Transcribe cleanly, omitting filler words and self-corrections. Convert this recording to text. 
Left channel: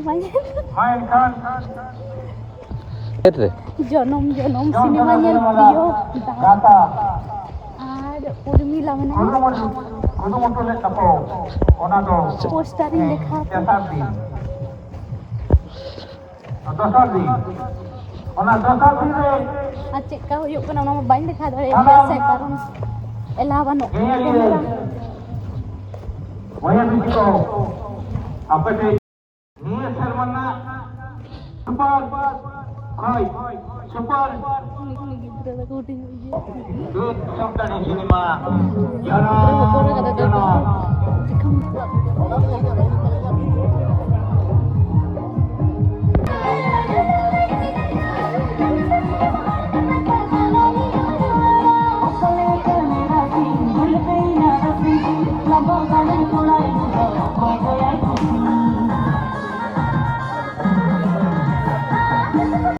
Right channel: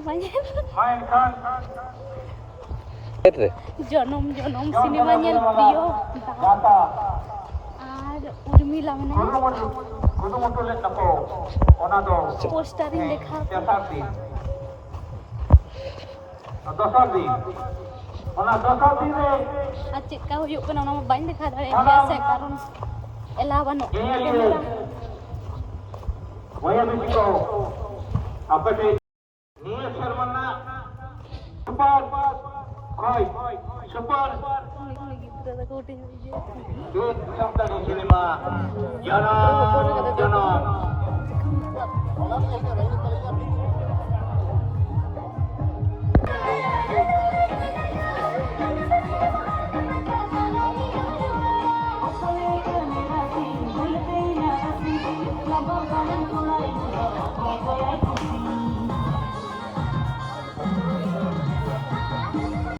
sinema mainkan itu jonom sinema nyel Rio kata আর উর্মিলা মানে kudu motole tapo ona do postering দেখা dasar di ona dasar di re আর চেকা ᱦᱩᱭᱩᱜ ᱠᱟᱱᱟ ᱚᱱᱟ ᱢᱟ ᱵᱟᱹᱧ ᱞᱮᱠᱷᱟ ᱫᱟᱲᱮᱭᱟᱜ ᱜᱮᱭᱟ ᱥᱮ ᱠᱟᱨᱚᱱ ᱮᱞᱟ ᱵᱟᱹᱱᱩᱜ Maya dikiko apa sih niya serwana super hai super good sabda ni